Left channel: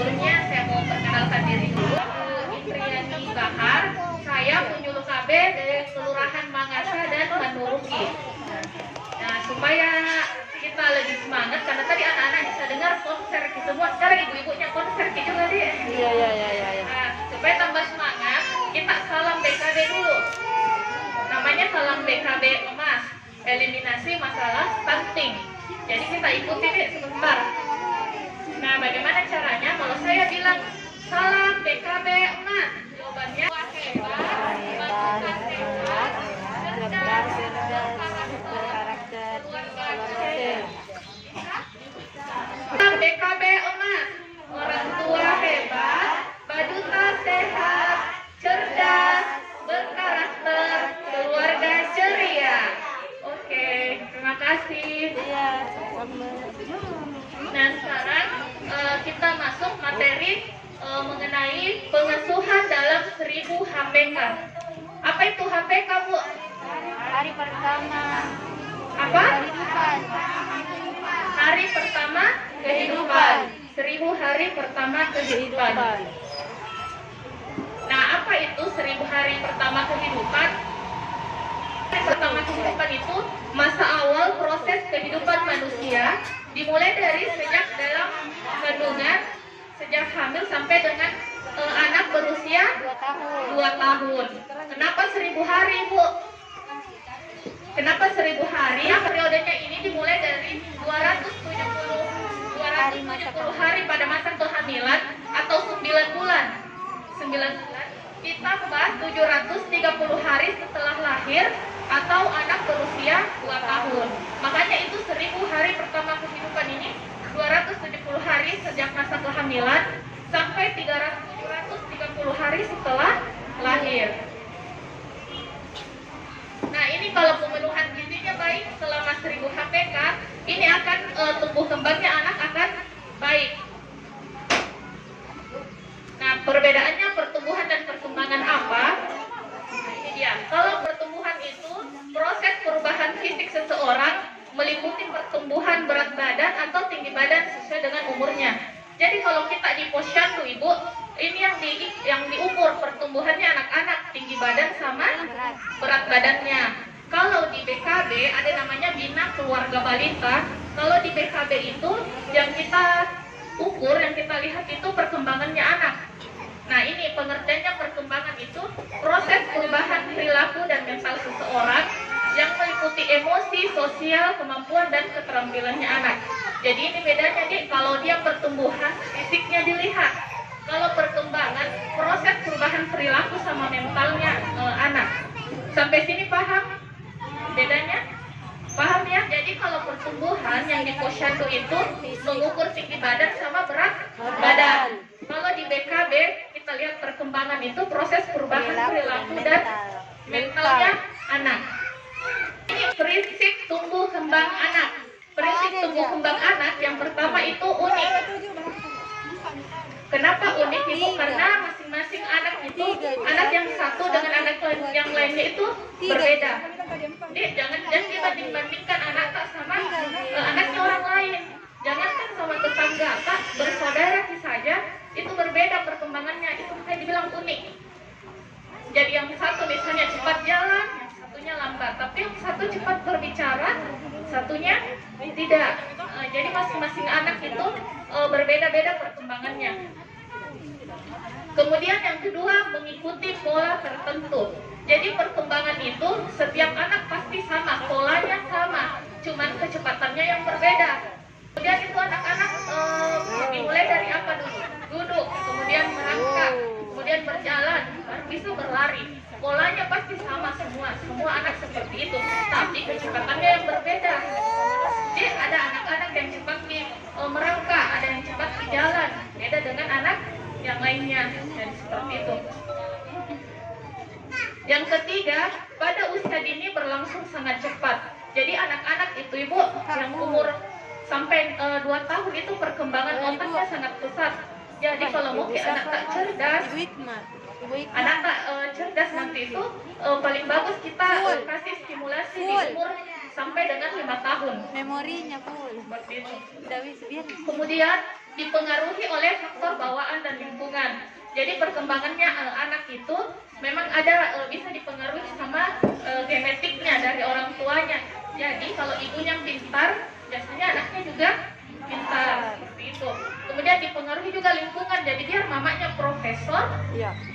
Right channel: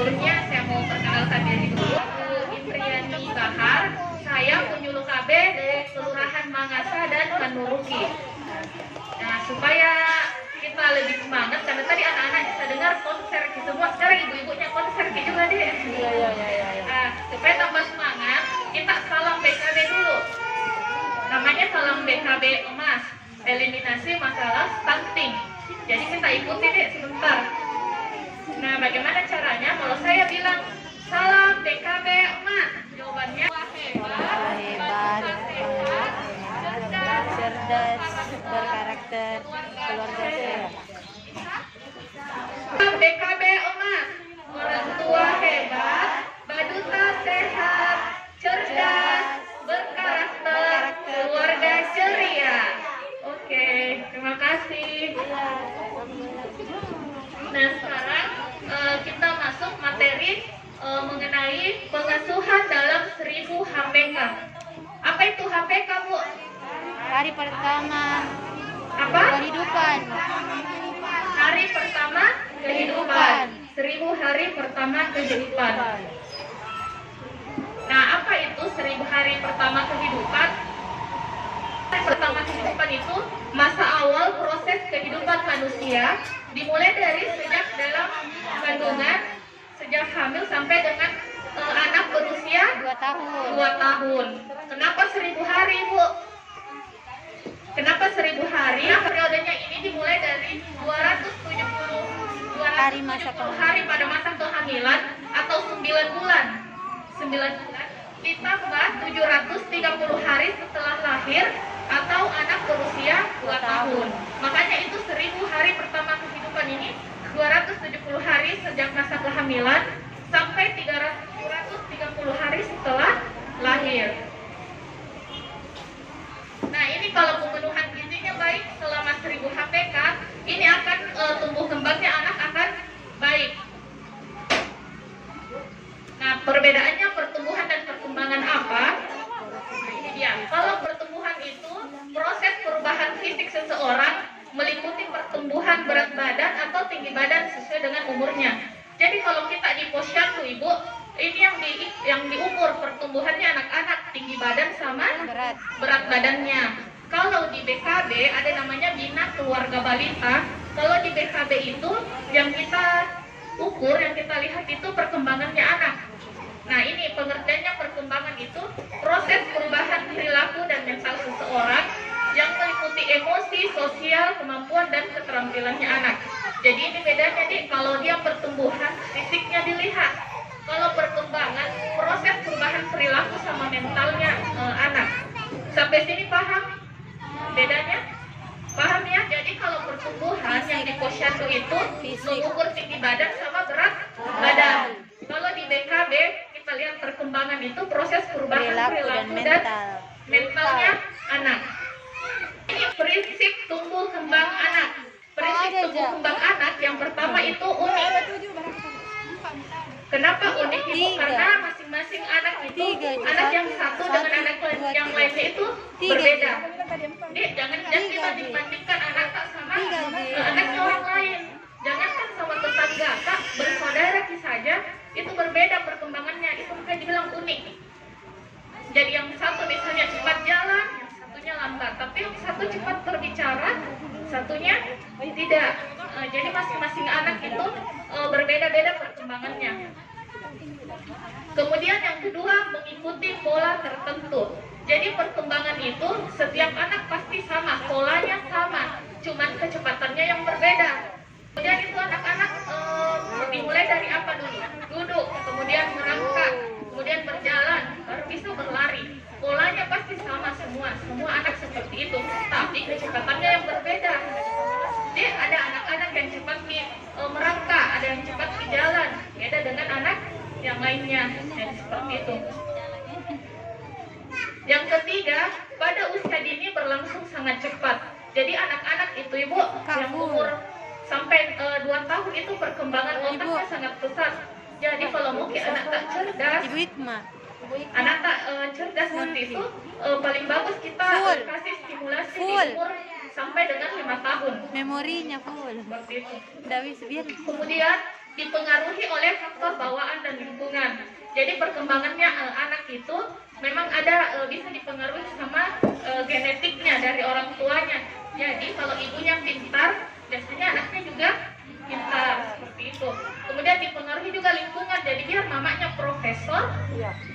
Sebelumnya saya mau perkenalkan diri dulu. Indriani Bahar. Saya penyuluh KB dari Kelurahan Mangasa dan Manduruki. Nah, supaya kita lebih semangat, karena tadi anak-anak bisa dengar konser semua. Sekarang ibu-ibunya konser gitu juga deh. Iya. Nah, supaya tambah semangat, kita salam BKB dulu. Namanya salam BKB emas, eliminasi masalah stunting. Jadi kita ikuti deh sebentar. Nah, bagaimana caranya? Kalau saya bilang salam BKB emas, jawabannya hebat, bangsa sehat, cerdas, berkarakter, keluarga cerdas. Salam BKB emas, orang tua hebat, baduta sehat, cerdas, berkarakter, keluarga ceria. Oke, terima kasih. Nah, sekarang kita masuk materi mengenai pengasuhan dalam 1000 HPK. Apa itu HPK, Bu? Hari pertama Apa? kehidupan. Hari pertama kehidupan. 1000 hari pertama kehidupan. Nah, apa itu 1000 hari pertama kehidupan? Pertama kehidupan itu masa awal proses kehidupan manusia, dimulai dari sejak dalam kandungan, sejak hamil sampai dengan anak berusia 2 tahun. Kenapa 1000 hari, Bu? Kenapa 1000 hari? Periodenya ini dimulai dari 270 hari pada masa kehamilan atau 9 bulan. 9 bulan ditambah 730 hari setelah lahir atau anak berusia 2 tahun. Makanya itu 1000 hari pertama kehidupan ini 270 hari sejak masa kehamilan sampai 330 hari setelah lahir. Nah, ini kalau pemenuhan gizinya baik selama 1000 HPK, ini akan tumbuh kembangnya anak akan baik. Nah, perbedaannya pertumbuhan dan perkembangan apa? Ini dia. Kalau pertumbuhan itu proses perubahan fisik seseorang meliputi pertumbuhan berat badan atau tinggi badan sesuai dengan umurnya. Jadi kalau kita di posyandu, Ibu, ini yang diukur pertumbuhannya anak-anak, tinggi badan sama berat badannya. Kalau di BKB ada namanya Bina Keluarga Balita. Kalau di BKB itu yang kita ukur, yang kita lihat itu perkembangannya anak. Nah, ini pengertiannya perkembangan itu proses perubahan perilaku dan mental seseorang yang meliputi emosi, sosial, kemampuan, dan keterampilannya anak. Jadi ini bedanya, Dik, kalau dia pertumbuhan, fisiknya dilihat. Kalau perkembangan, proses perubahan perilaku sama mentalnya anak. Sampai sini paham bedanya? Paham ya? Jadi kalau pertumbuhan yang di posyandu itu mengukur tinggi badan sama berat badan. Kalau di BKB kita lihat perkembangan itu proses perubahan perilaku dan mentalnya anak. Ini prinsip tumbuh kembang anak. Prinsip tumbuh kembang anak yang pertama itu unik. Kenapa unik, Ibu? Karena masing-masing anak itu, anak yang satu dengan anak yang lainnya itu berbeda. Jadi jangan dibandingkan anak tak sama anaknya orang lain. Jangankan sama tetangga, Pak, bersaudara saja itu berbeda perkembangannya. Itu bukan dibilang unik. Jadi yang satu misalnya cepat jalan, satunya lambat. Tapi yang satu cepat berbicara, satunya tidak. Jadi masing-masing anak itu berbeda-beda perkembangannya. Kemudian yang kedua, mengikuti pola tertentu. Jadi perkembangan itu setiap anak pasti sama, polanya sama, cuman kecepatannya yang berbeda. Kemudian itu anak-anak dimulai dari apa dulu? Duduk, kemudian merangkak, kemudian berjalan, baru bisa berlari. Polanya pasti sama semua anak seperti itu, tapi kecepatannya yang berbeda. Jadi ada anak-anak yang cepat merangkak, ada yang cepat di jalan, beda dengan anak yang lainnya, dan seperti itu. Yang ketiga, pada usia dini berlangsung sangat cepat. Jadi anak-anak itu, Ibu, yang umur sampai 2 tahun itu perkembangan otaknya sangat pesat. Jadi kalau mungkin anak tak cerdas, nanti itu paling bagus kita kasih stimulasi di umur sampai dengan 5 tahun. Memorinya full. Seperti itu. Udah bisa biar. Kemudian dipengaruhi oleh faktor bawaan dan lingkungan. Jadi perkembangannya anak itu memang ada bisa dipengaruhi sama genetiknya dari orang tuanya. Jadi kalau ibunya pintar, biasanya anaknya juga pintar seperti itu. Kemudian dipengaruhi juga lingkungan. Jadi dia mamanya profesor,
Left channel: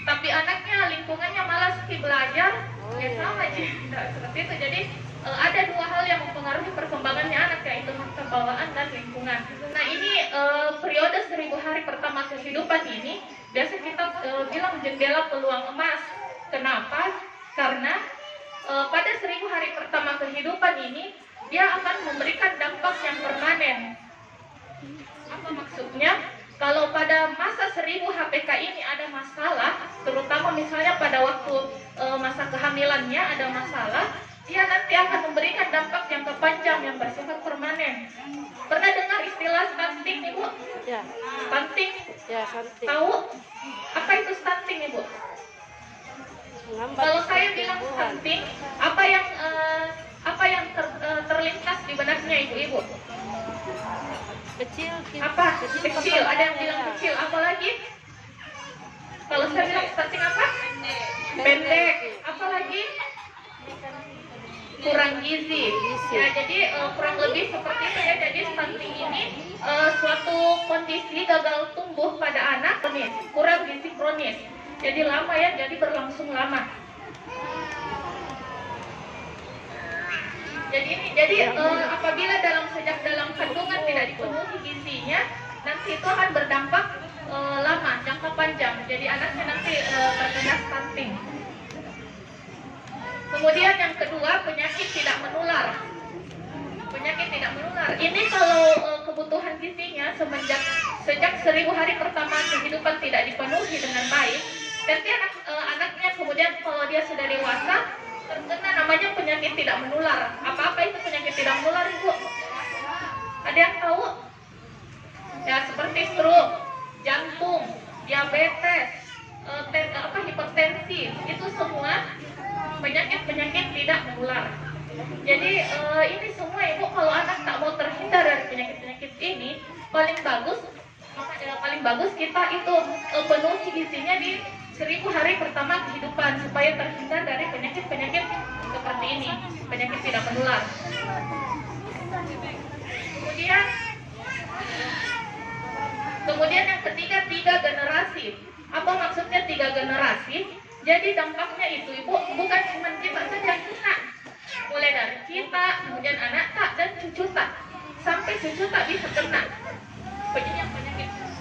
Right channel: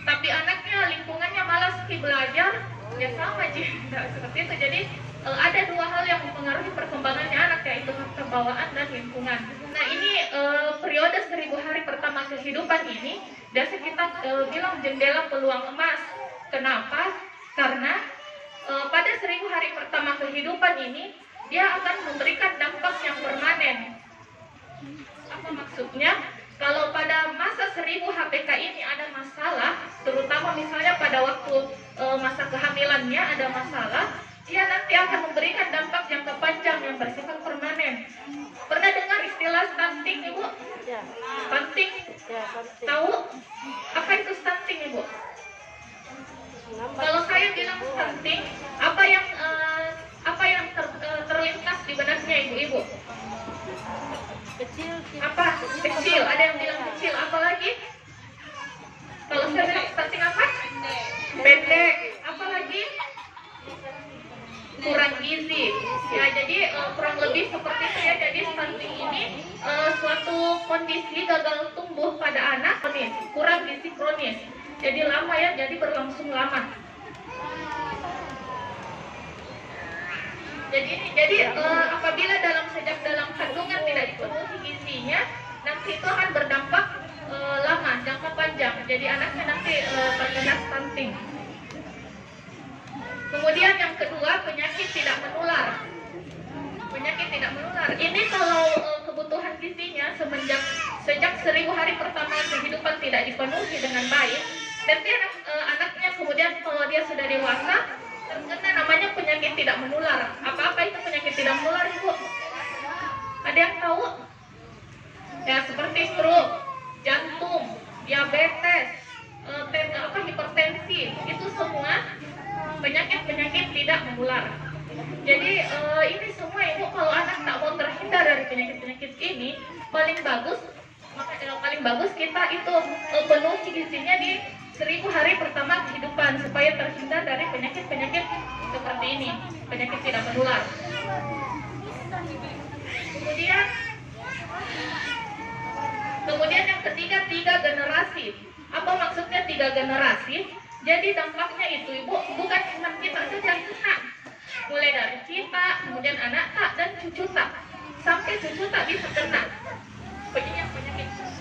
tapi anaknya lingkungannya malas belajar, ya sama sih. Seperti itu. Jadi ada dua hal yang mempengaruhi perkembangannya anak, yaitu faktor bawaan dan lingkungan. Nah ini periode 1000 hari pertama kehidupan ini biasa kita bilang jendela peluang emas. Kenapa? Karena pada 1000 hari pertama kehidupan ini dia akan memberikan dampak yang permanen. Apa maksudnya? Kalau pada masa 1000 HPK ini ada masalah, terutama misalnya pada waktu masa kehamilannya ada masalah, dia nanti akan memberikan dampak jangka panjang yang bersifat permanen. Pernah dengar istilah stunting, Ibu? Ya. Stunting? Ya, stunting. Tahu apa itu stunting, Ibu? Kalau saya bilang stunting, apa yang terlintas di benaknya Ibu-ibu? Kecil. Apa? Kecil. Ada yang bilang kecil. Apa lagi? Kalau saya bilang stunting apa? Pendek. Apa lagi? Kurang gizi. Ya, jadi kurang lebih seperti itu ya. Jadi stunting ini suatu kondisi gagal tumbuh pada anak kronis, kurang gizi kronis. Jadi lama ya, jadi berlangsung lama. Jadi apabila sejak dalam kandungan tidak dipenuhi gizinya, nanti itu akan berdampak lama, jangka panjang. Jadi anaknya nanti terkena stunting. Kemudian yang kedua, penyakit tidak menular. Penyakit tidak menular. Ini kalau kebutuhan gizinya sejak 1000 hari pertama kehidupan tidak dipenuhi dengan baik, nanti anaknya kemudian kalau dia sudah dewasa terkena namanya penyakit tidak menular. Apa itu penyakit tidak menular, Ibu? Ada yang tahu? Ya, seperti stroke, jantung, diabetes, hipertensi, itu semua penyakit-penyakit tidak menular. Jadi ini semua Ibu, kalau anak tak mau terhindar dari penyakit-penyakit ini, paling bagus kita itu penuhi gizinya di 1000 hari pertama kehidupan supaya terhindar dari penyakit-penyakit seperti ini, penyakit tidak menular. Kemudian yang ketiga, 3 generasi. Apa maksudnya 3 generasi? Jadi dampaknya itu Ibu bukan cuma kita saja yang kena. Mulai dari kita, kemudian anak tak dan cucu tak, sampai cucu tak bisa kena.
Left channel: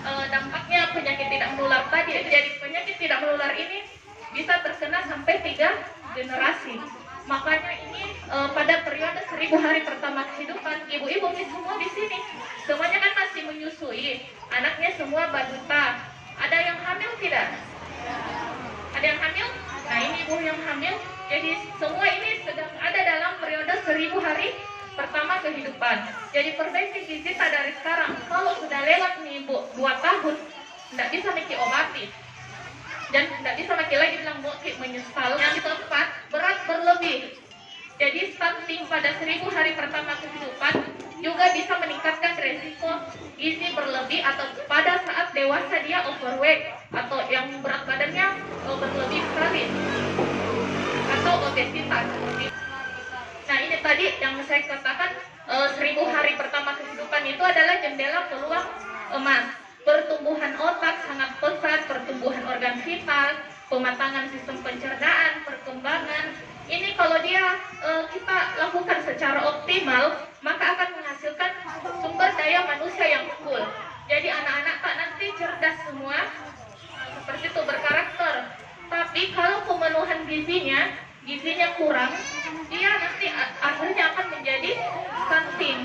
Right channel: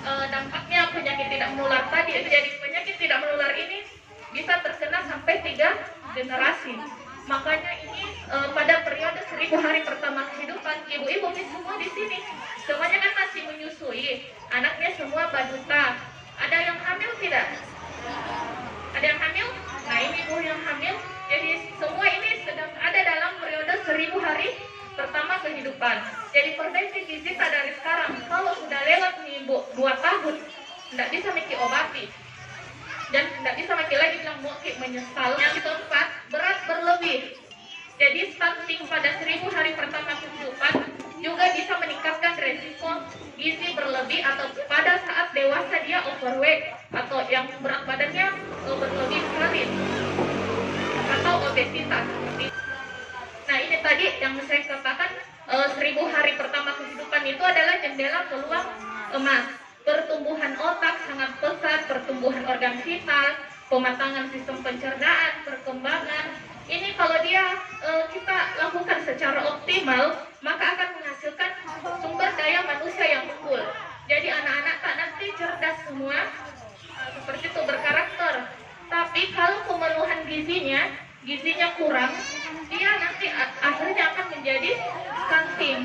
Dampaknya penyakit tidak menular tadi. Jadi penyakit tidak menular ini bisa terkena sampai 3 generasi. Makanya ini pada periode 1000 hari pertama kehidupan, ibu-ibu ini semua di sini, semuanya kan masih menyusui, anaknya semua balita. Ada yang hamil tidak? Ada yang hamil? Nah ini ibu yang hamil. Jadi semua ini sedang ada dalam periode 1000 hari pertama kehidupan. Jadi perbaiki gizi tak dari sekarang. Kalau sudah lewat nih Ibu 2 tahun, tidak bisa mesti obati. Dan tidak bisa mesti lagi bilang Moki menyesal. Yang keempat, berat berlebih. Jadi stunting pada 1000 hari pertama kehidupan juga bisa meningkatkan resiko gizi berlebih atau pada saat dewasa dia overweight atau yang berat badannya berlebih sekali atau obesitas. Nah ini tadi yang saya katakan 1000 hari pertama kehidupan itu adalah jendela peluang emas. Pertumbuhan otak sangat pesat, pertumbuhan organ vital, pematangan sistem pencernaan, perkembangan. Ini kalau dia kita lakukan secara optimal, maka akan menghasilkan sumber daya manusia yang unggul. Jadi anak-anak tak nanti cerdas semua, seperti itu berkarakter. Tapi kalau pemenuhan gizinya kurang, dia nanti akhirnya akan menjadi stunting.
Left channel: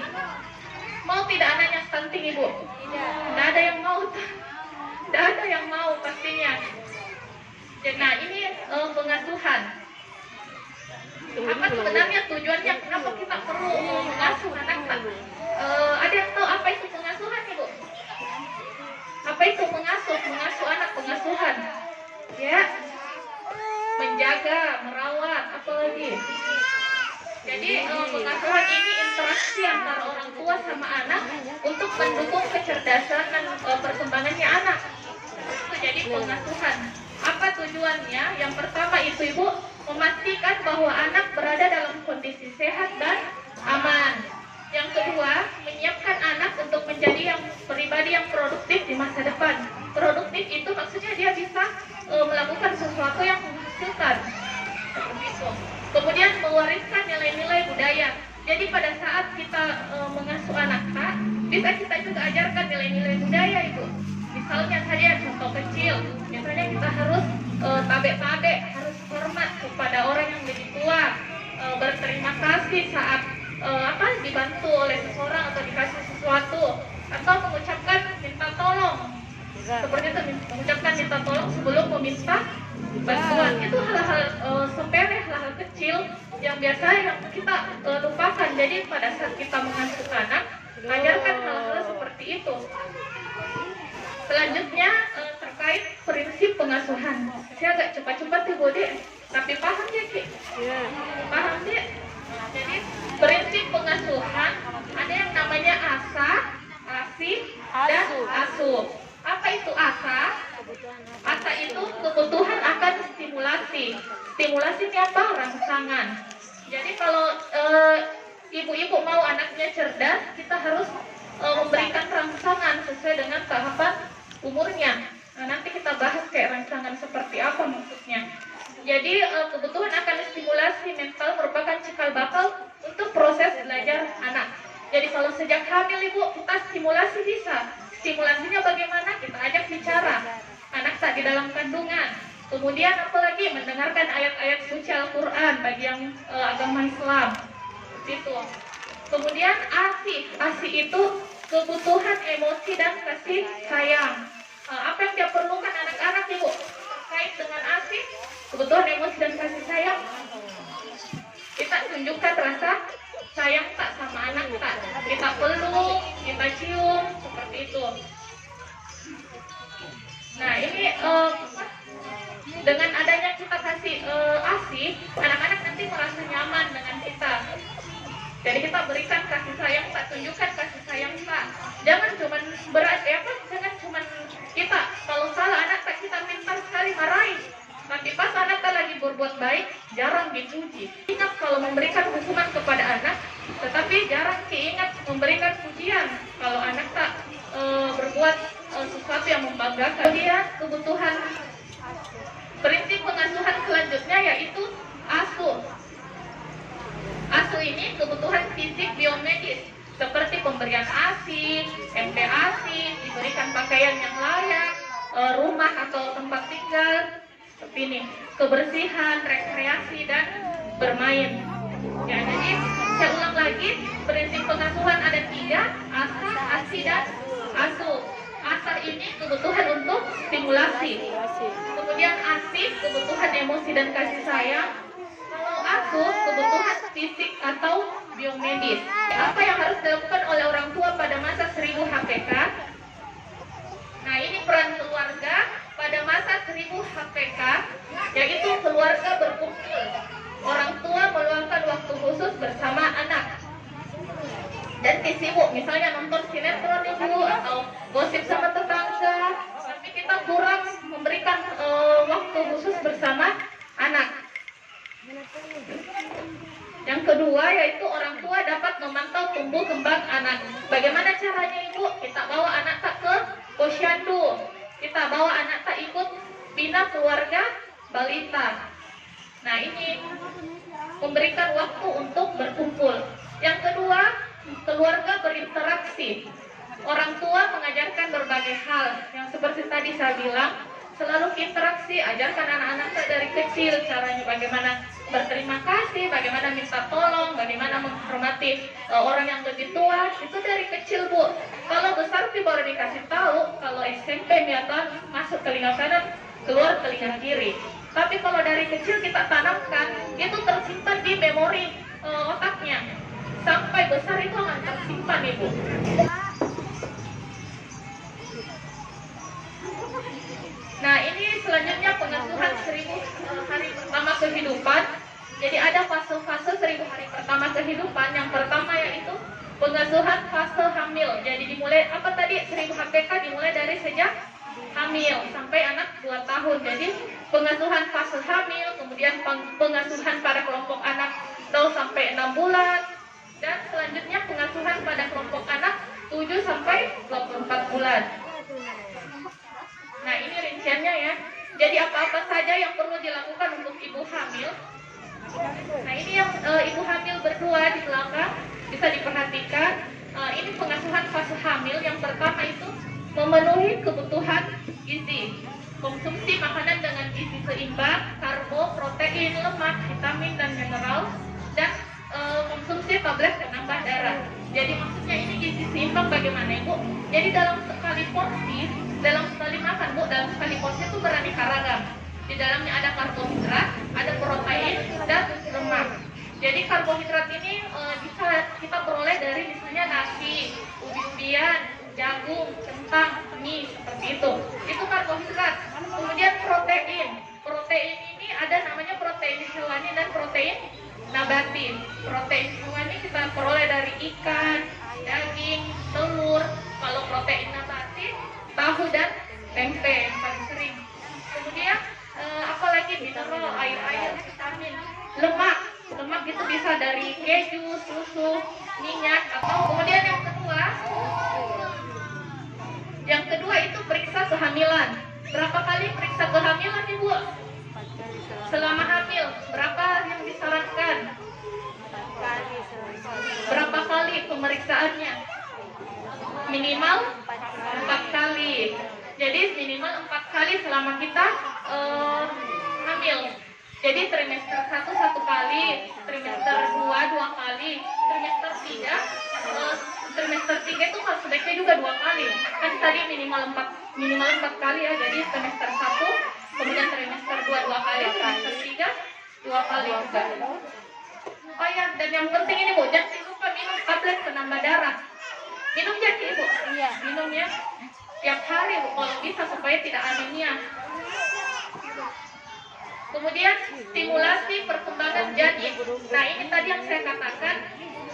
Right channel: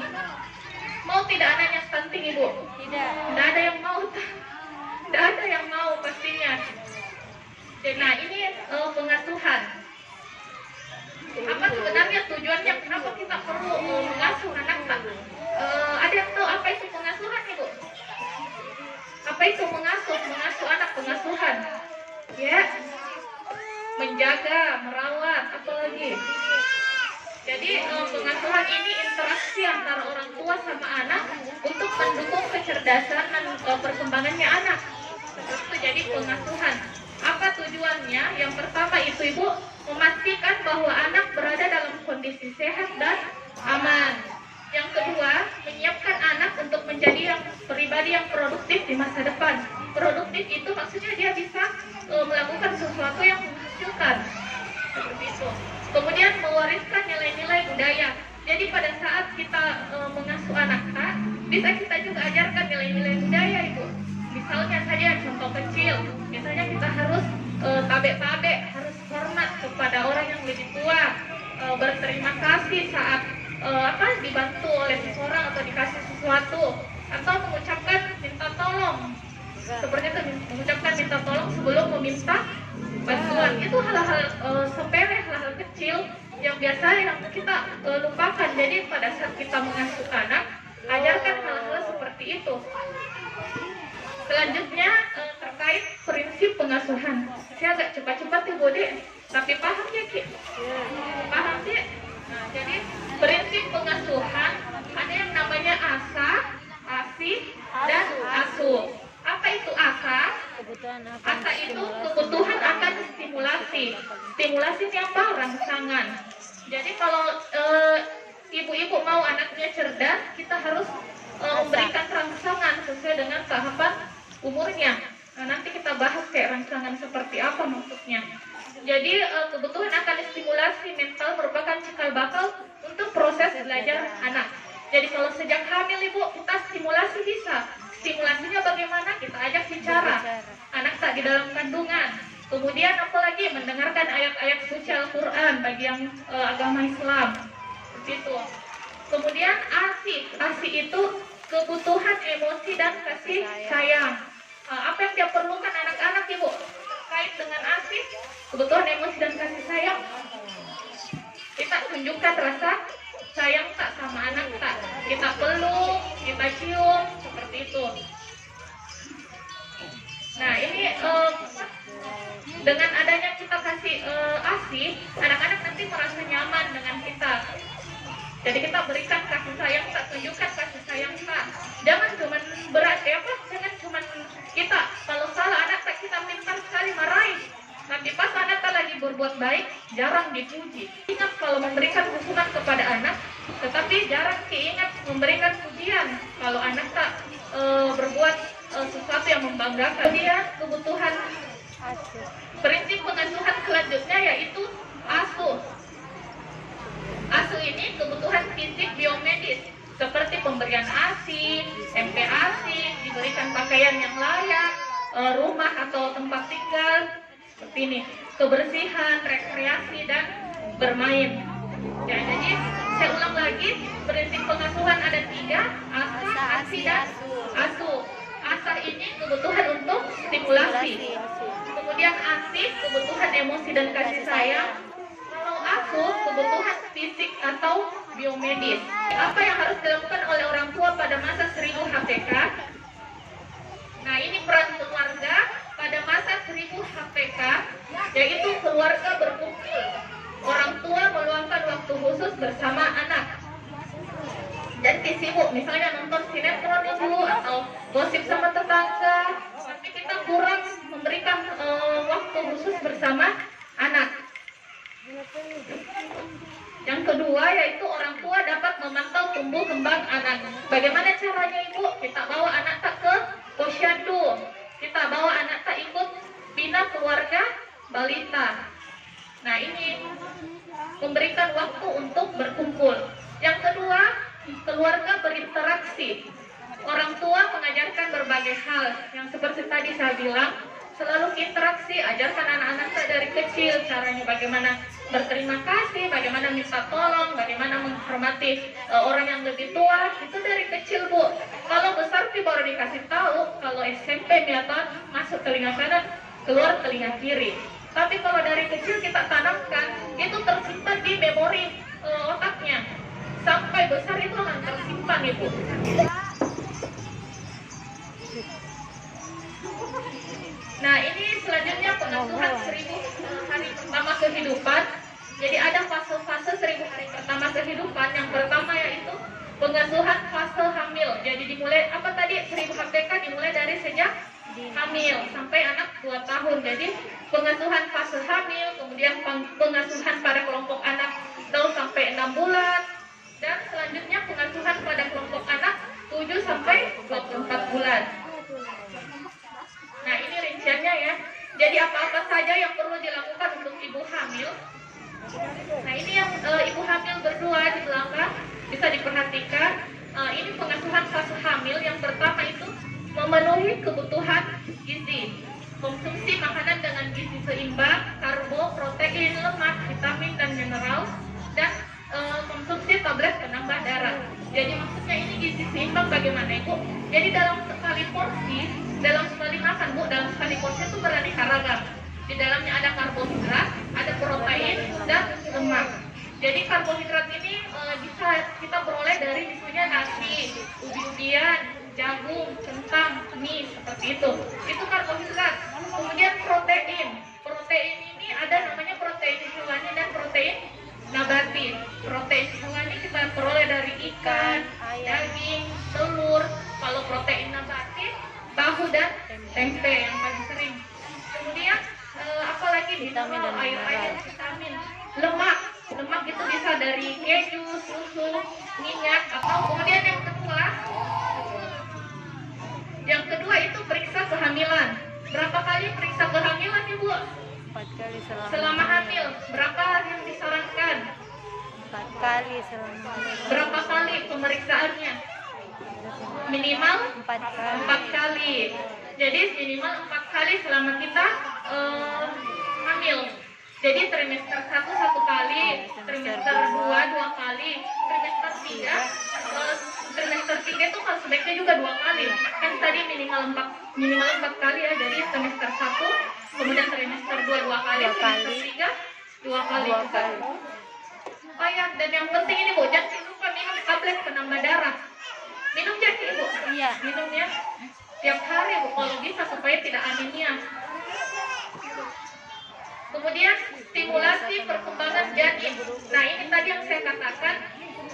Mau tidak anaknya stunting Ibu? Tidak ada yang mau. Tidak ada yang mau pastinya. Nah ini pengasuhan. Apa sebenarnya tujuannya? Kenapa kita perlu mengasuh anak? Ada yang tahu apa itu pengasuhan Ibu? Apa itu mengasuh anak, pengasuhan? Ya, menjaga, merawat, apa lagi? Jadi pengasuhan ini interaksi antara orang tua sama anak untuk mendukung kecerdasan dan perkembangannya anak. Itu jadi pengasuhan. Apa tujuannya? Yang pertama itu Ibu memastikan bahwa anak berada dalam kondisi sehat dan aman. Yang kedua, menyiapkan anak untuk menjadi pribadi yang produktif di masa depan. Produktif itu maksudnya dia bisa melakukan sesuatu yang menghasilkan. Seperti itu. Kemudian mewariskan nilai-nilai budaya. Jadi pada saat kita mengasuh anak, bisa kita juga ajarkan nilai-nilai budaya itu. Misalnya saja contoh kecil, misalnya kita harus tabe-tabe, harus hormat kepada orang yang lebih tua, berterima kasih saat dibantu oleh seseorang atau dikasih sesuatu, atau mengucapkan minta tolong. Seperti itu, mengucapkan minta tolong sebelum meminta bantuan. Itu hal-hal sepele, hal-hal kecil yang biasanya yang kita lupakan. Jadi pada saat kita mengasuh anak, ajarkan hal-hal seperti itu. Selanjutnya terkait prinsip pengasuhan. Saya agak cepat-cepat nih Bode, tapi paham ya Ki? Paham ya? Nah, jadi prinsip pengasuhan ada yang namanya asah, asih, dan asuh. Apa itu asah? Asah itu kebutuhan akan stimulasi. Stimulasi ini apa? Rangsangan. Jadi kalau ibu-ibu mau anaknya cerdas, kita harus memberikan rangsangan sesuai dengan tahapan umurnya. Nah, nanti kita bahas kayak rangsangan seperti apa maksudnya. Jadi kebutuhan akan stimulasi mental merupakan cikal bakal untuk proses belajar anak. Jadi kalau sejak hamil Ibu kita stimulasi bisa. Stimulasinya bagaimana? Kita ajak bicara. Anak tak di dalam kandungan. Kemudian apalagi mendengarkan ayat-ayat suci Al-Quran bagi yang agama Islam. Begitu. Kemudian ASI itu kebutuhan emosi dan kasih sayang. Apa yang dia perlukan anak-anak Ibu? Terkait dengan ASI, kebutuhan emosi dan kasih sayang. Kita tunjukkan rasa sayang tak sama anak tak. Kita peluk, kita cium, seperti itu. Nah ini dengan adanya kita kasih ASI, anak-anak nanti merasa nyaman dengan kita. Jadi kita berikan kasih sayang, tak tunjukkan kasih sayang tak. Jangan cuman berat jangan cuman kita kalau salah anak tak kita pintar sekali marahin. Nanti pas anak tak lagi berbuat baik, jarang dipuji. Ingat kalau memberikan hukuman kepada anak, tetapi jarang diingat memberikan pujian kalau anak tak berbuat sesuatu yang membanggakan. Kemudian kebutuhan prinsip pengasuhan selanjutnya yaitu asuh. Asuh ini kebutuhan fisik biomedis seperti pemberian ASI, MPASI, diberikan pakaian yang layak, rumah atau tempat tinggal, seperti ini, kebersihan, rekreasi dan bermain. Ya, jadi saya ulang lagi, prinsip pengasuhan ada 3, asah, ASI dan asuh. Asah ini kebutuhan untuk stimulasi. Kemudian ASI kebutuhan emosi dan kasih sayang. Asuh kebutuhan fisik atau biomedis. Apa yang harus dilakukan oleh orang tua pada masa 1000 HPK? Nah ini peran keluarga pada masa 1000 HPK, yaitu keluarga berkumpul. Orang tua meluangkan waktu khusus bersama anak dan sibuk, misalnya nonton sinetron dulu atau gosip sama tetangga. Tapi kita kurang memberikan waktu khusus bersama anak. Yang kedua yaitu orang tua dapat memantau tumbuh kembang anak. Bagaimana caranya Ibu? Kita bawa anak tak ke posyandu, kita bawa anak tak ikut bina keluarga balita. Nah ini memberikan waktu untuk berkumpul. Yang kedua, keluarga berinteraksi. Orang tua mengajarkan berbagai hal yang seperti tadi saya bilang, selalu interaksi, ajarkan anak-anak dari kecil caranya bagaimana berterima kasih, bagaimana minta tolong, bagaimana menghormati orang yang lebih tua. Itu dari kecil Bu. Kalau besar sih baru dikasih tahu, kalau SMP ternyata masuk telinga kanan, keluar telinga kiri. Tapi kalau dari kecil kita tanamkan, itu tersimpan di memori otaknya. Sampai besar itu akan tersimpan Ibu. Nah ini selanjutnya pengasuhan 1000 hari pertama kehidupan. Jadi ada fase-fase 1000 hari pertama pertumbuhan yang pertama yaitu pengasuhan fase hamil. Jadi dimulai apa tadi 1000 HPK dimulai dari sejak hamil sampai anak 2 tahun. Jadi pengasuhan fase hamil, kemudian pengasuhan pada kelompok anak 0 sampai 6 bulan, dan selanjutnya pengasuhan pada kelompok anak 7 sampai 24 bulan. Nah, ini rinciannya ya. Jadi apa-apa saja yang perlu dilakukan untuk ibu hamil. Nah, ini yang ibu hamil berdua di belakang bisa diperhatikan. Ini pengasuhan fase hamil. Yang pertama itu memenuhi kebutuhan gizi, konsumsi makanan dengan gizi seimbang, karbo, protein, lemak, vitamin dan mineral, dan konsumsi tablet penambah darah. Jadi maksudnya ini gizi seimbang bagaimana Ibu? Jadi dalam sekali porsi, dalam sekali makan Bu, dalam sekali porsi itu beraneka ragam. Di dalamnya ada karbohidrat, ada protein dan lemak. Jadi karbohidrat ini bisa kita peroleh dari misalnya nasi, ubi-ubian, jagung, kentang, mie, seperti itu. Itu karbohidrat. Kemudian protein. Protein ini ada namanya protein hewani dan protein nabati. Protein hewani kita peroleh dari ikan, daging, telur. Kalau protein nabati, tahu dan tempe yang paling sering. Kemudian apalagi vitamin dan air, vitamin. Lemak itu bisa dari keju, susu, minyak, atau kemudian yang kedua itu periksa kehamilan. Berapa kali periksa kehamilan Ibu? 4 kali Selama hamil, berapa yang disarankan? 4 kali selama. Berapa kali pemeriksaannya? Minimal 4 4 kali. kali. Jadi minimal 4 kali selama kita hamil. Jadi trimester 1 1 kali, trimester 2 2 kali, trimester 3 itu kalau sebaiknya juga 2 kali. Kan tadi minimal 4 kali ya. Jadi trimester 1, kemudian trimester 2 2 kali, trimester 3 2 kali juga. Oh ya, dan yang penting ini Bu, jangan lupa minum tablet penambah darah. Minum jadi Ibu? Iya. Minum ya tiap hari Bu, kalau bisa supaya tidak anemia. Kemudian stimulasi perkembangan janin. Nah, ini tadi yang saya katakan,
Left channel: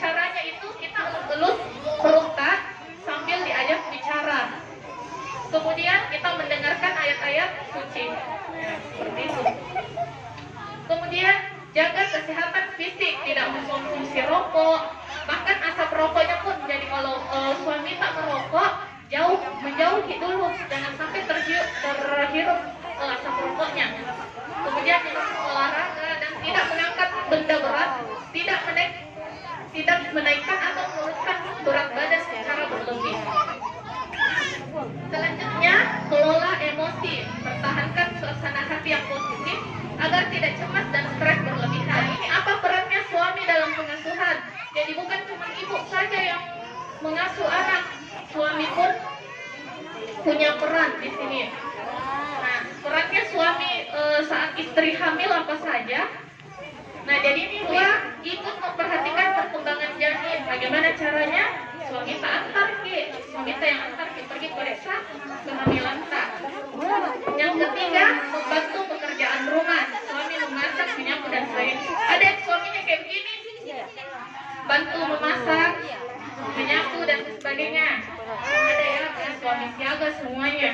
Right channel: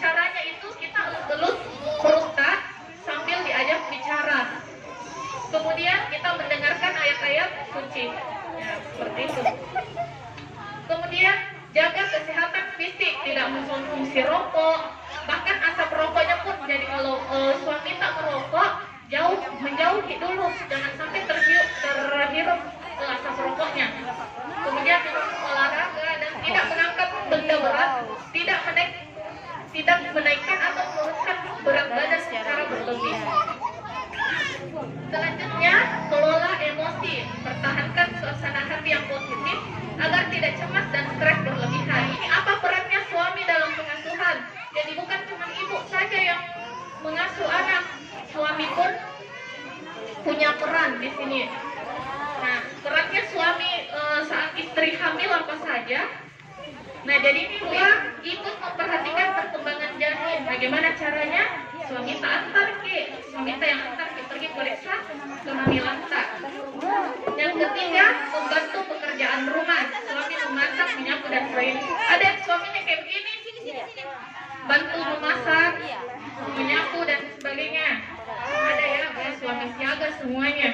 caranya itu kita elus-elus perut sambil diajak bicara. Kemudian kita mendengarkan ayat-ayat suci. Nah, seperti itu. Kemudian jaga kesehatan fisik, tidak mengkonsumsi rokok. Bahkan asap rokoknya pun, jadi kalau suami tak merokok, menjauhi dulu, jangan sampai terhirup asap rokoknya. Kemudian olahraga dan tidak mengangkat benda berat, tidak menaikkan atau menurunkan berat badan secara berlebih. Selanjutnya, kelola emosi, pertahankan suasana hati yang positif agar tidak cemas dan stres berlebihan. Ini apa perannya suami dalam pengasuhan? Jadi bukan cuma ibu saja yang mengasuh anak, suami pun punya peran di sini. Nah, perannya suami saat istri hamil apa saja? Nah, jadi ini dia ikut memperhatikan perkembangan janin. Bagaimana caranya? Suami tak antar suami tak yang antar pergi periksa kehamilan tak. Yang ketiga, membantu pekerjaan rumah. Suami memasak, menyapu dan sebagainya. Ada yang suaminya kayak begini, bantu memasak, menyapu dan sebagainya. Ada ya, suami siaga semuanya.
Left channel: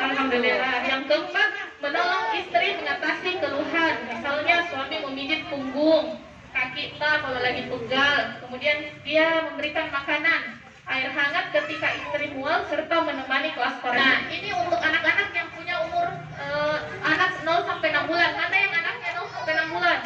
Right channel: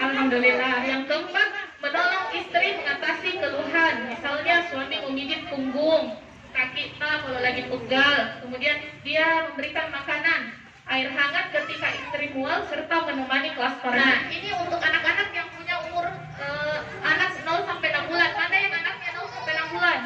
Alhamdulillah. Yang keempat, menolong istri mengatasi keluhan. Misalnya suami memijit punggung, kaki kita kalau lagi pegal. Kemudian dia memberikan makanan, air hangat ketika istri mual, serta menemani kelas koran. Nah, ini untuk anak-anak yang punya umur anak 0 sampai 6 bulan. Mana yang anaknya 0 sampai 6 bulan?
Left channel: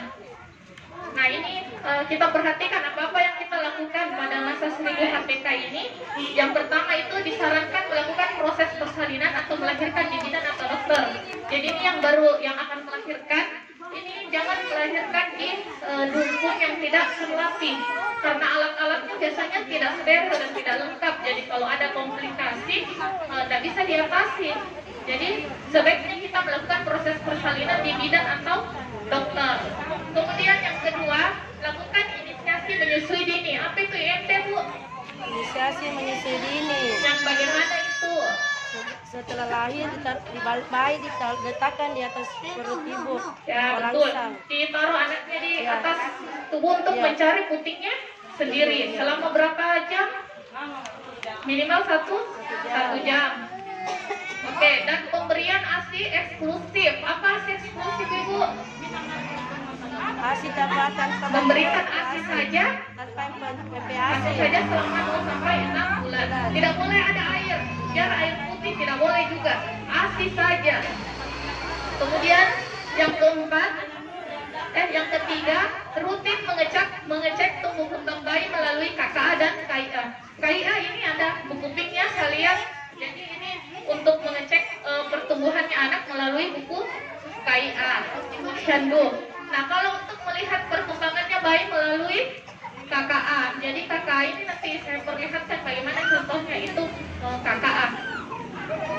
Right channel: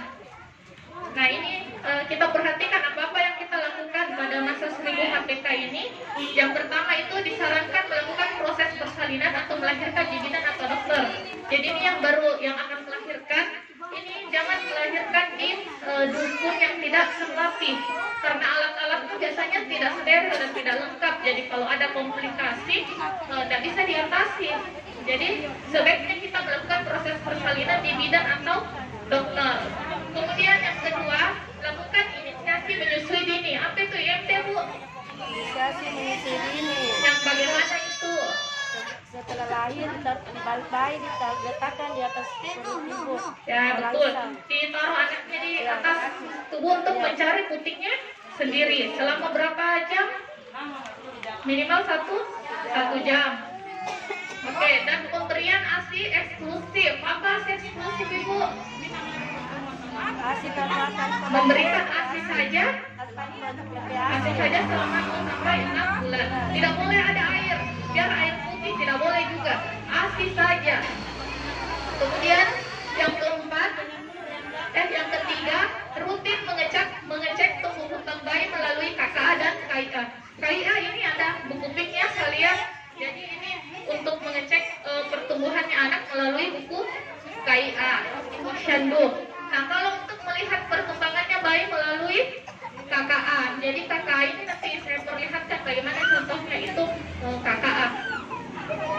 Nah, ini kita perhatikan apa-apa yang kita lakukan pada masa 1000 HPK ini. Yang pertama itu disarankan melakukan proses persalinan atau melahirkan di bidan atau dokter. Jadi ini yang baru yang akan melahirkan, ini jangan dilahirkan di dukun yang tidak rapi, karena alat-alatnya biasanya tidak steril dan tidak lengkap. Jadi kalau ada komplikasi tidak bisa diatasi. Jadi sebaiknya kita melakukan proses persalinan di bidan atau dokter. Kemudian yang kedua, lakukan inisiasi menyusui dini. Apa itu IMD Bu? Inisiasi menyusui dini. Yang bagaimana itu? setelah lahir dibalik bayi diletakkan di atas perut ibu. Ya betul. Merangsang. Ditaruh anaknya di Ya. atas tubuh untuk Ya. mencari putiknya sendiri. Selama berapa jam? Minimal satu jam. Oke, dan pemberian ASI eksklusif. Apa ASI eksklusif Ibu? Masih tamatan Memberikan ASI saja, ASI saja selama 0 sampai 6 bulan. Tidak boleh ada air, biar air putih tidak boleh juga. ASI saja. Kemudian yang keempat, yang ketiga, rutin mengecek tumbuh kembang bayi melalui KKA dan KIA. KIA ini ada buku PIK-nya kalian. Jadi ini untuk mengecek pertumbuhannya anak melalui buku KIA. Handbook. Nah, kalau untuk melihat perkembangannya bayi melalui KKA. Jadi KKA ini nanti saya perlihatkan bagaimana contohnya itu KKA.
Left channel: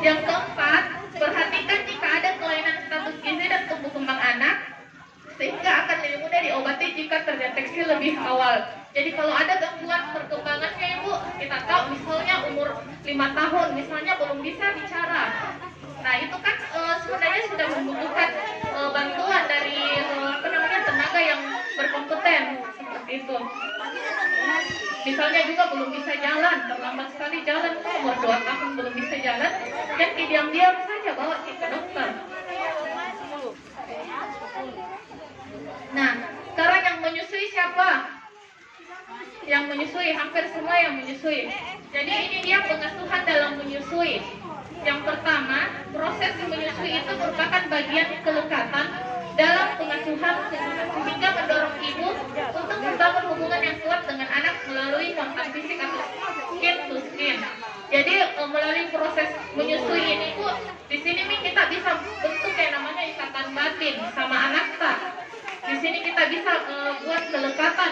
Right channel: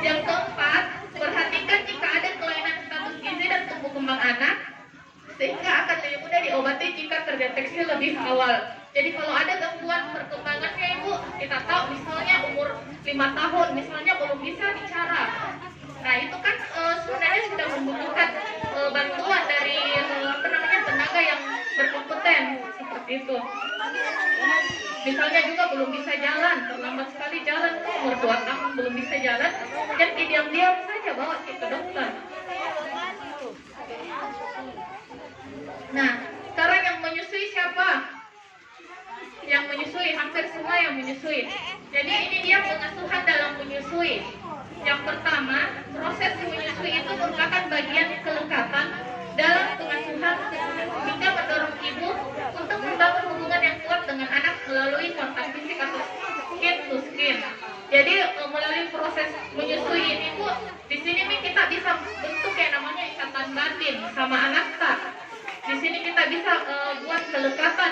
Yang keempat, perhatikan jika ada kelainan status gizi dan tumbuh kembang anak, sehingga akan lebih mudah diobati jika terdeteksi lebih awal. Jadi kalau ada gangguan perkembangannya Ibu, kita tahu misalnya umur 5 tahun, misalnya belum bisa bicara. Nah itu kan sebenarnya sudah membutuhkan bantuan dari tenaga yang berkompeten seperti itu. Misalnya juga belum bisa jalan, terlambat sekali jalan, umur 2 tahun belum bisa jalan, dan diam-diam saja bawa ke dokter. Nah, sekarang yang menyusui siapa? Yang menyusui, hampir semua yang menyusui. Jadi ini dia pengasuhan dalam menyusui. Yang pertama, proses menyusui itu merupakan bagian kelekatan dalam pengasuhan sehingga mendorong ibu untuk membangun hubungan yang kuat dengan anak melalui kontak fisik atau skin to skin. Jadi melalui proses menyusui ini Bu, di sini nih kita bisa bentuk yang namanya ikatan batin sama anak tak. Di sini kita bisa buat kelekatan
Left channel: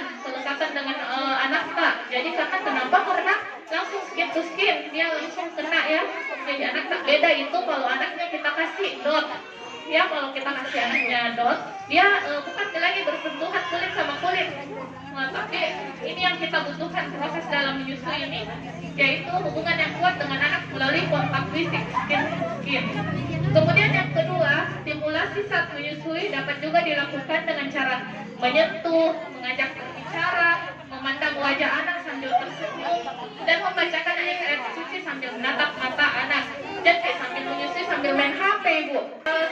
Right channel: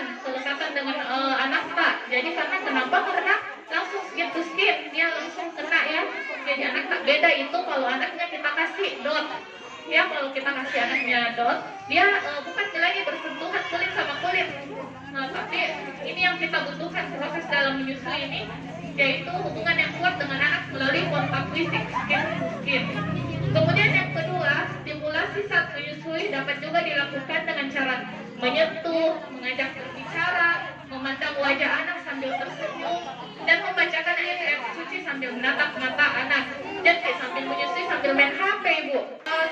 dengan anak tak. Jadi kenapa? Karena langsung skin to skin, dia langsung kena ya. Jadi anak tak beda itu kalau anaknya kita kasih dot. Ya kalau kita kasih anaknya dot, dia bukan lagi bersentuhan kulit sama kulit. Nah, tapi ini yang kita butuhkan proses dalam menyusui ini, yaitu hubungan yang kuat dengan anak melalui kontak fisik skin to skin. Kemudian yang kedua, stimulasi saat menyusui dapat juga dilakukan dengan cara menyentuh, mengajak berbicara, memandang wajah anak sambil tersenyum, dan membacakan ayat-ayat suci sambil menatap mata anak. Jadi sambil menyusui sambil main HP Ibu.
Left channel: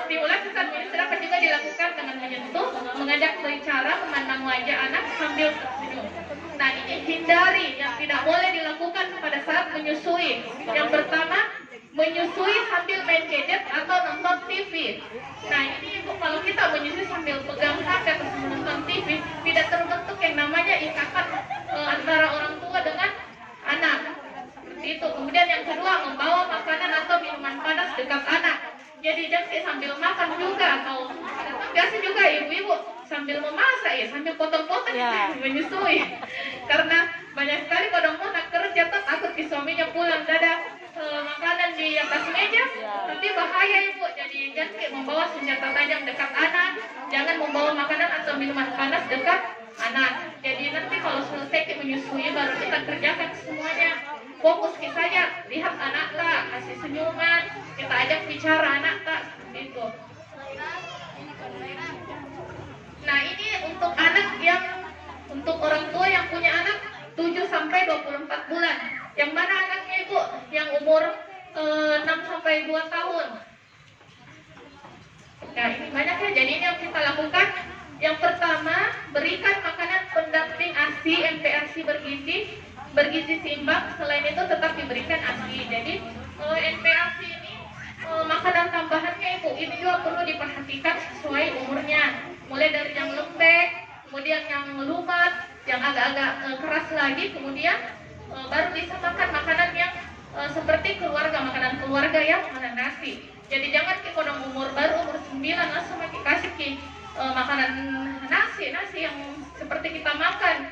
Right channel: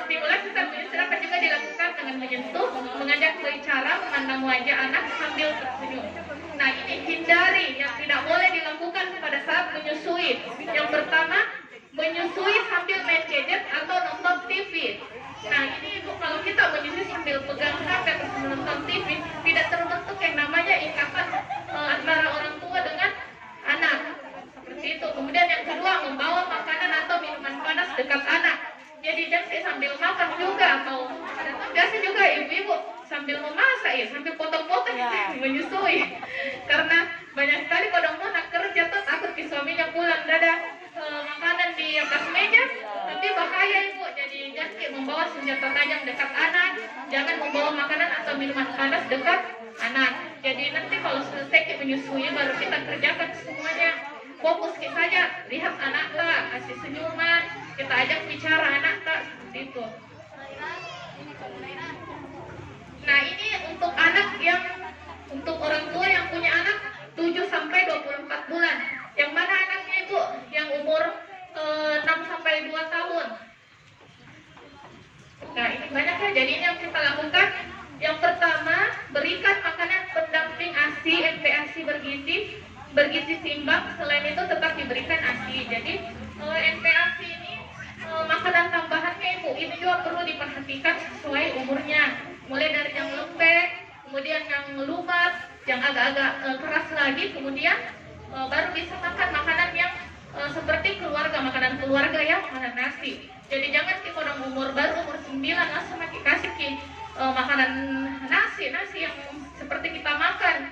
Stimulasi saat menyusui dapat juga dilakukan dengan menyentuh, mengajak berbicara, memandang wajah anak sambil tersenyum. Nah ini hindari yang tidak boleh dilakukan pada saat menyusui. Yang pertama, menyusui sambil main gadget atau nonton TV. Nah ini Ibu, kalau kita menyusui sambil pegang HP atau menonton TV, tidak terbentuk yang namanya ikatan antara orang tua dengan anak. Seperti itu. Kemudian yang kedua, membawa makanan atau minuman panas dekat anak. Jadi jangan sambil makan juga, atau biasa juga ibu-ibu sambil memasak ya, sambil potong-potong menyusui. Karena banyak sekali kodong anak kerja tuh takut di suaminya pulang ada makanan di atas meja, nanti bahaya Ibu. Jadi jangan membawa senjata tajam dekat anak, jangan membawa makanan atau minuman panas dekat anak. Jadi nanti kalau selesai menyusui baru kita kerjakan semuanya. Fokus kita saja, lihat anak tak, kasih senyuman, kita ajak bicara anak tak, seperti itu. Nah ini untuk anak untuk orang tua yang punya anak 7 sampai 24 bulan. Yang mana anaknya Ibu? Yang umur 6 sampai 2 tahun. Nah ini banyak ya, jadi ini yang kita lakukan. Yang pertama, berikan makanan pendamping ASI, NPASI bergizi seimbang. Selain itu tetap diberikan ASI. Jadi NPASI ini makanan tambahannya Ibu, ini juga perlu diperhatikan sesuai umurnya. Mulai dari yang lembek, kemudian yang lumat, yang agak-agak keras lagi, kemudian baru bisa makan makanan yang seperti makanan keluarga ya, makanan nasi. Jadi jangan kalau umur baru umur 9 langsung dikasih makanan nasi yang seperti kita makan.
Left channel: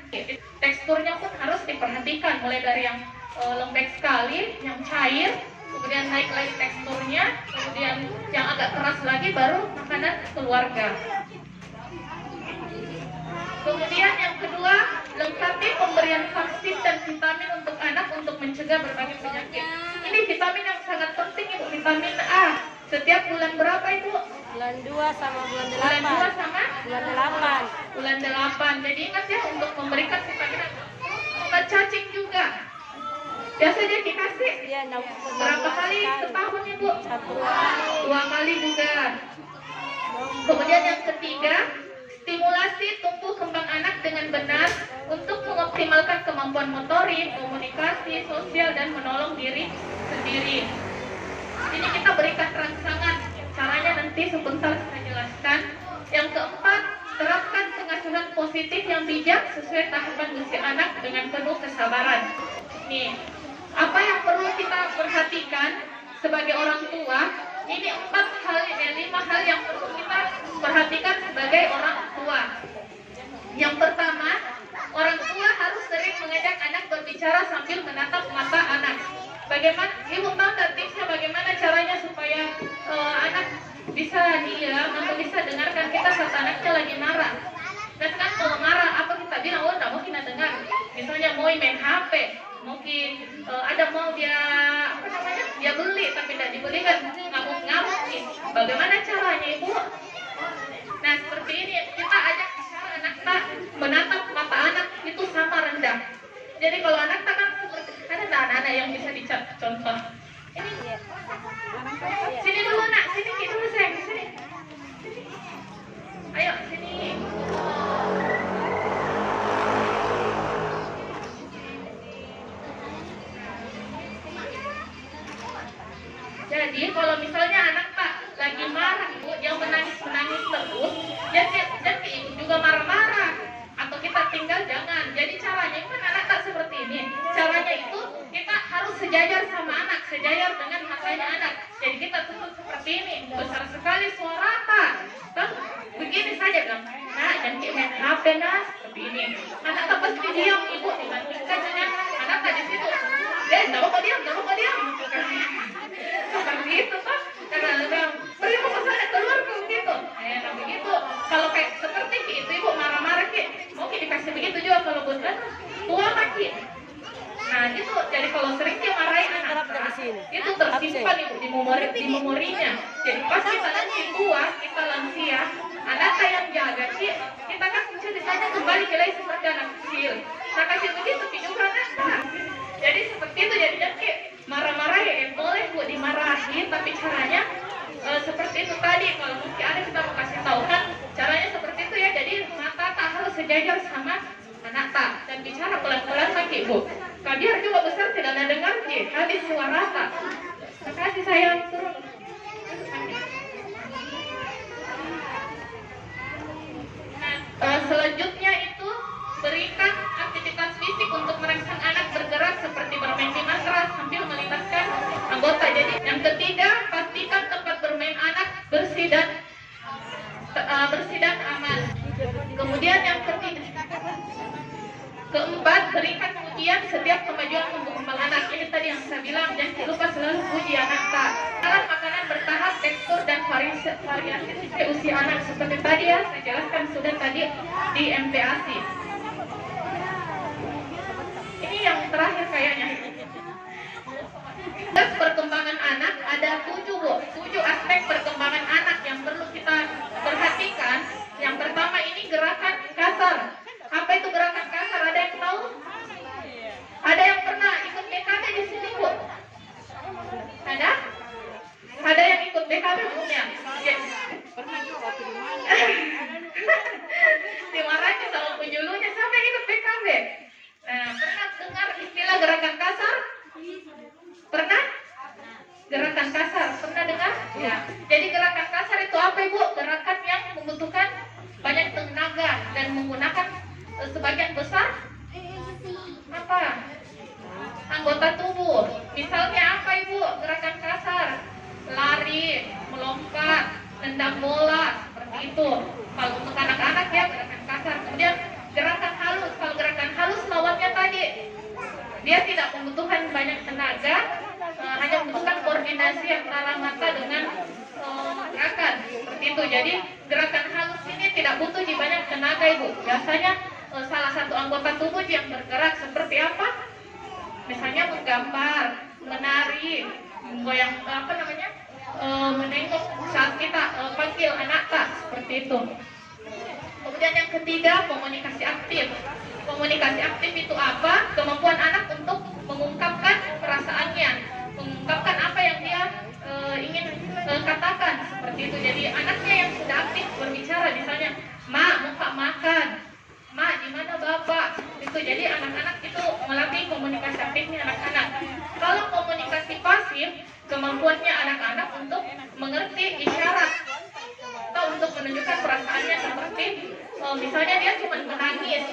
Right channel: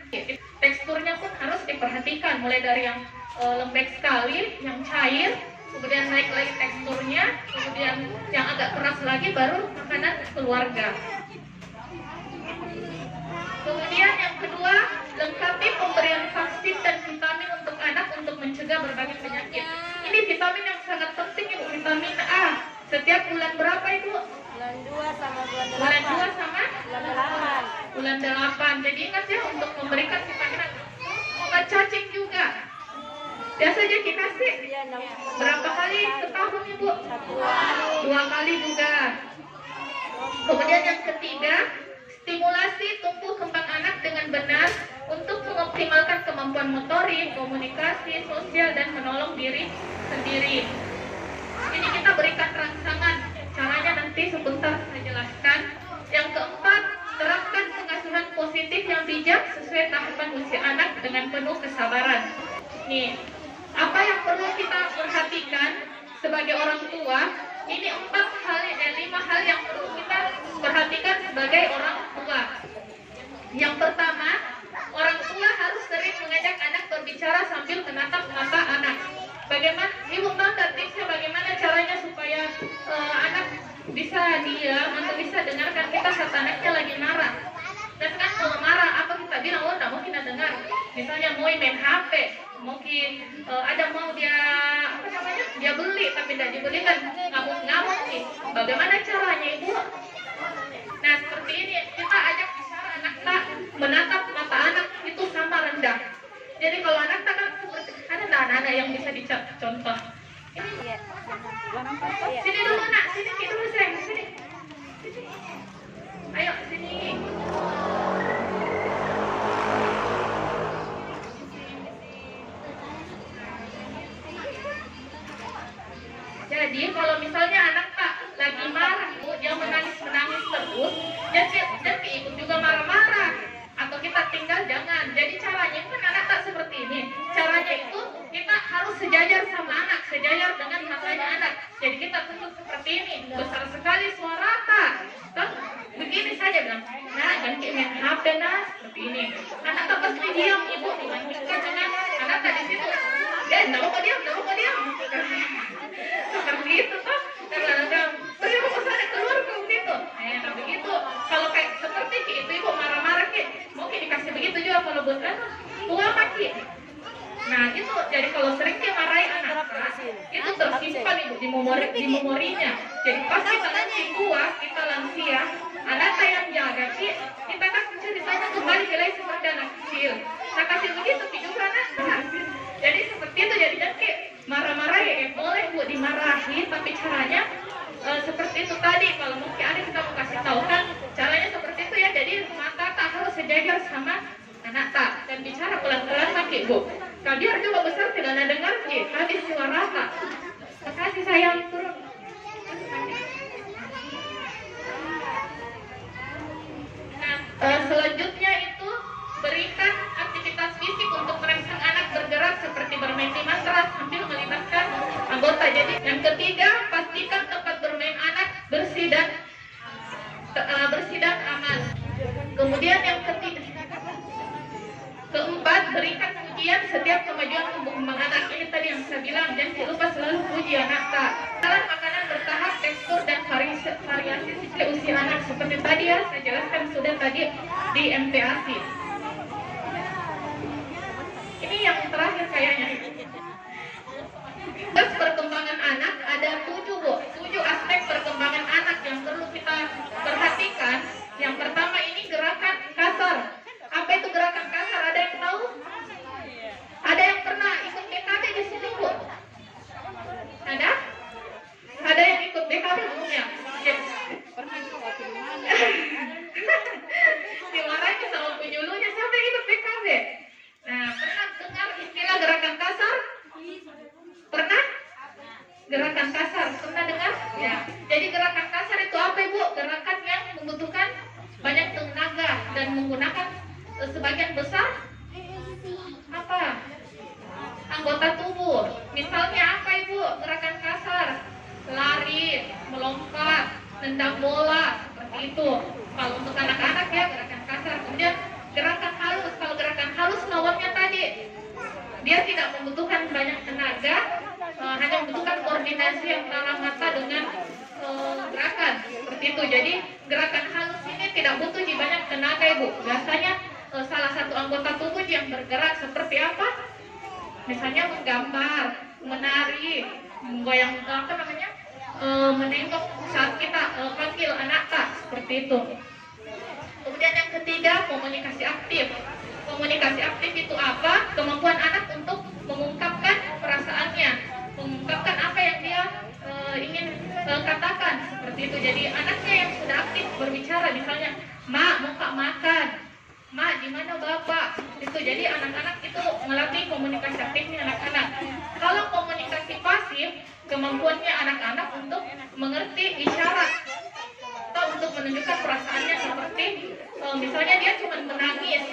Teksturnya pun harus diperhatikan, mulai dari yang lembek sekali, yang cair, kemudian naik lagi teksturnya, kemudian yang agak keras lagi baru makanan keluarga. Kemudian yang kedua, lengkapi pemberian vaksin dan vitamin untuk anak untuk mencegah berbagai penyakit. Ini vitamin yang sangat penting Ibu, vitamin A. Setiap bulan berapa Ibu? Bulan 2 sama bulan 8. Bulan 2 sama Bulan 8. bulan 8. Jadi ingat ya untuk memberikan vitamin A. Obat cacing juga. Biasa aja kita sih Iya, berapa kali setahun Ibu? 1 kali. 2 kali juga. Kemudian yang ketiga, stimulasi tumbuh kembang anak dengan benar untuk mengoptimalkan kemampuan motorik, komunikasi, sosial, dan menolong diri sendiri. Ini kita berikan rangsangan. Caranya nanti sebentar saya jelaskan. Yang keempat, terapkan pengasuhan positif yang bijak sesuai tahapan usia anak dengan penuh kesabaran. Nih, apa yang perlu kita perhatikan sebagai orang tua? Ini 5 hal yang perlu kita perhatikan sebagai orang tua. Yang pertama, orang tua harus sering mengajak anak berbicara sambil menatap mata anak. Bagaimana, Ibu tahu tak tipsnya bagaimana caranya supaya anak bisa diam atau bisa dengarkan kita saat anaknya lagi marah. Dan kan kalau marah apa kita bilang, oh tidak mungkin dengar. Misalnya mau main HP, mungkin ada mau dia apa namanya, dia beli tapi tidak dibelikan, ngamuk-ngamuk nih. Bagaimana caranya Ibu? Nah seperti ini kita ajak anak tak menatap mata anak itu sama rendah. Jadi kalau anak tak kan ada anak-anak yang bisa dicontoh. Ini sini dulu nak, sini dulu sayang, sini. Ayo sini. Jadi kalau misalnya anak tak lagi marah, Bu, dia menangis terus, dan ikut juga marah-marah, atau kita tinggal jangan. Jadi caranya kan anak tak seperti ini. Caranya itu kita harus sejajar sama anak, sejajar dengan matanya anak. Jadi kita tuntut seperti ini, besar sekali suara tak. Begini saja bilang, nah jangan kayak main HP nah, seperti ini. Anak tak pasti diam Ibu dibandingkan dengan anak tak di situ. Tidak mau diam. Bukan begitu toh, kadang-kadang pergi ke sana keluar ke begitu. Nah begitu. Kalau kayak seperti itu Ibu marah-marah mungkin dikasih begitu juga kalau bukan tua maki. Nah itu jadi kalau sering dia marahin anak itu tersimpan Ibu di memorinya. Jadi pas kita nanti tua, kita lansia, anak yang jaga kita kan bisa ditanya kembali jelek seperti anak kecil. Nah kasih begitu juga anak. Jadi seperti itu jadinya marah-marah ya boleh Bu dimarahin, tapi caranya seperti itu tadi. Kalau mungkin ada kita mau kasih tahu kan caranya seperti itu ya. Jadi mata tak harus sejajar sama anak tak dan bicara pelan-pelan pakai Bu. Biar juga besar tidak ada dengar tadi suara tak. Terima kasih sayang, turun. Nah, selanjutnya itu berikan aktivitas fisik untuk merangsang anak bergerak seperti bermain di matras sambil melibatkan anggota. Jadi yang ketiga, pastikan tempat bermain anak bersih dan aman. Kemudian yang keempat, berikan pujian setiap kemajuan tumbuh kembang anak. Ini tadi yang saya bilang, jangan lupa selalu puji anak tak. Dalam makanan bertahap, tekstur dan variasi sesuai usia anak. Seperti tadi ya, saya jelaskan sudah tadi di MPASI. Ini yang terakhir kayaknya. Perkembangan anak ada 7 aspek perkembangan anak yang perlu kita perhatikan. Yang pertama ini gerakan kasar. Apa itu gerakan kasar? Ada yang tahu? Ada yang pernah ikut BKB di sini Bu? Ada? Ada yang ikut BKB umumnya? Ya. Dimarahin sama penyuluhnya sampai ikut BKB. Nah, pernah dengar istilah gerakan kasar? Pernah? Gerakan kasar, pernah dengar? Ya. Jadi gerakan kasar itu apa Ibu? Gerakan yang membutuhkan banyak tenaga dan menggunakan sebagian besar apa? Anggota tubuh. Misalnya apa Ibu? Gerakan kasar, lari, melompat, nendang bola, seperti itu. Kalau untuk anak-anak ya gerakan kasar. Kemudian gerakan halus. Kalau gerakan halus lawannya tadi, dia tidak membutuhkan banyak tenaga, hanya membutuhkan koordinasi antara mata dengan gerakan seperti itu. Jadi gerakan halus ini tidak butuh banyak tenaga Ibu. Biasanya salah satu anggota tubuh yang bergerak seperti apa? Misalnya menggambar, menari, goyang apa namanya, menengok saat kita panggil anak tak, seperti itu. Kemudian yang ketiga, komunikasi aktif. Komunikasi aktif itu apa? Kemampuan anak untuk mengungkapkan perasaannya, mengungkapkan apa yang dia ingin katakan, seperti itu. Jadi anaknya yang sudah aktif berbicara, misalnya, "Ma, mau Kak makan. Ma, di mana Bapak?" Itu jadi anak-anak itu melatih komunikasi aktifnya anak-anak. Kalau komunikasi pasif, kemampuannya anak-anak untuk mengerti isyarat atau untuk menunjukkan perasaannya, seperti misalnya dia cuma menangis.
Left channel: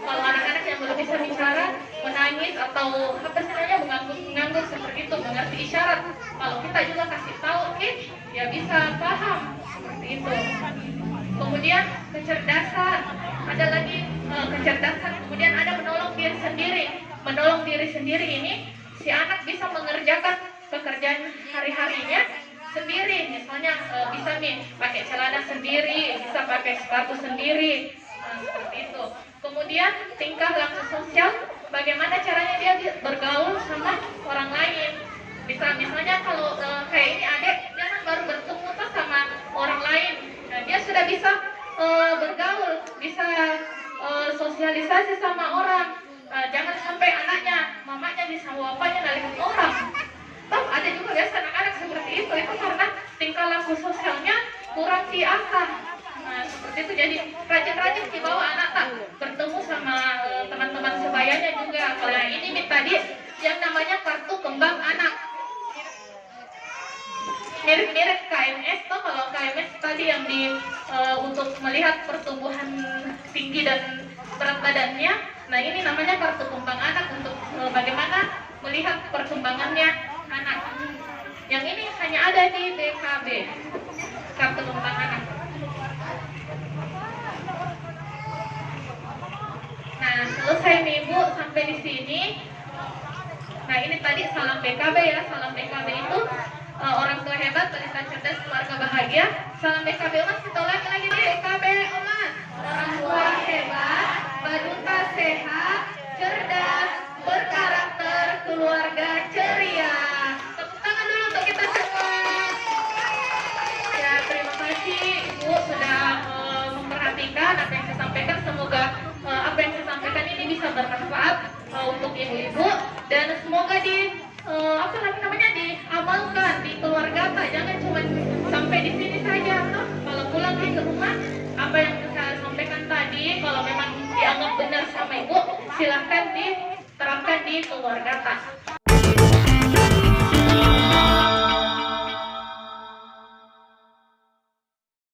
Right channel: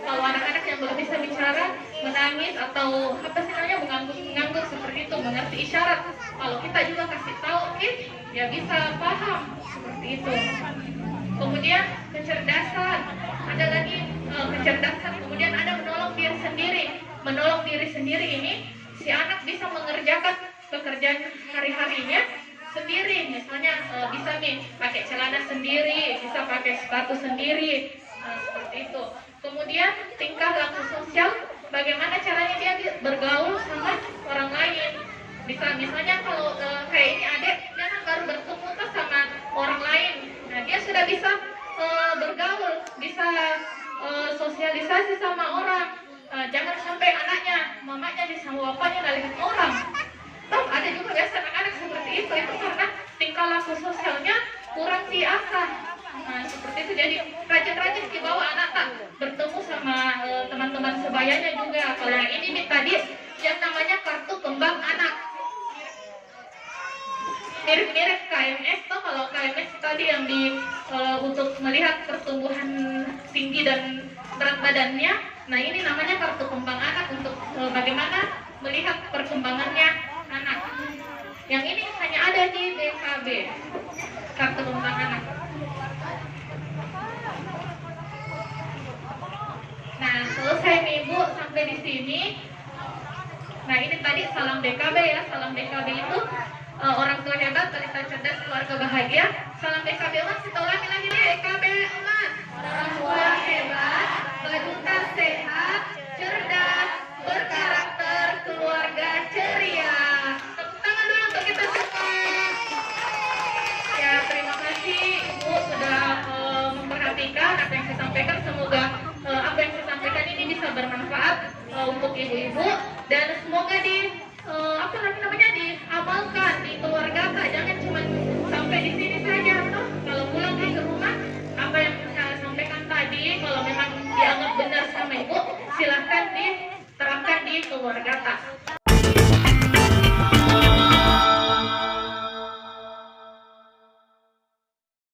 Kalau anak-anak yang belum bisa bicara, menangis atau apa namanya, mengangguk seperti itu, mengerti isyarat. Kalau kita juga kasih tahu, oke, ya bisa paham, seperti itu. Kemudian kecerdasan, ada lagi kecerdasan. Kemudian ada menolong diri sendiri. Menolong diri sendiri ini, si anak bisa mengerjakan pekerjaan hari-harinya sendiri. Misalnya bisa nih pakai celana sendiri, bisa pakai sepatu sendiri, seperti itu. Kemudian tingkah laku sosial, bagaimana caranya dia bergaul sama orang lain. Misalnya kalau kayak ini adik, dia kan baru bertemu sama orang lain. Nah, dia sudah bisa bergaul, bisa sosialisasi sama orang. Jangan sampai anaknya, mamanya bisa bapaknya nalihin orang. Toh ada juga biasa anak-anak seperti itu karena tingkah laku sosialnya kurang diasah. Nah, seperti itu. Jadi rajin-rajin dibawa anak tak bertemu sama teman-teman sebayanya juga. Kalau yang ini nih tadi yang namanya kartu kembang anak, mirip-mirip KMS. Toh kalau KMS tadi yang untuk melihat pertumbuhan tinggi dan berat badannya, nah ini namanya kartu kembang anak untuk bagaimana melihat perkembangannya anak. Yang ini hanya ada di DKB, kartu kembang anak. Nah, selesai nih Bu sampai di sini. Nah, ini tadi salam DKB ya. Salam DKB itu orang tua hebat, balita cerdas, keluarga bahagia. Salam DKB Omas, kita ulangi lagi nih. DKB Omas, orang tua hebat, balita sehat, cerdas, berkarakter, keluarga ceria. Tepuk tangan dulu untuk kita semua. Ya, terima kasih Ibu sudah memperhatikan apa yang saya sampaikan. Semoga apa yang saya sampaikan ini bisa bermanfaat untuk ibu-ibu, dan semoga diamalkan di keluarga. Jangan cuma sampai di sini saja. Kalau pulang ke rumah, apa yang saya sampaikan tadi, kalau memang dianggap benar sama ibu, silahkan diterapkan di keluarga.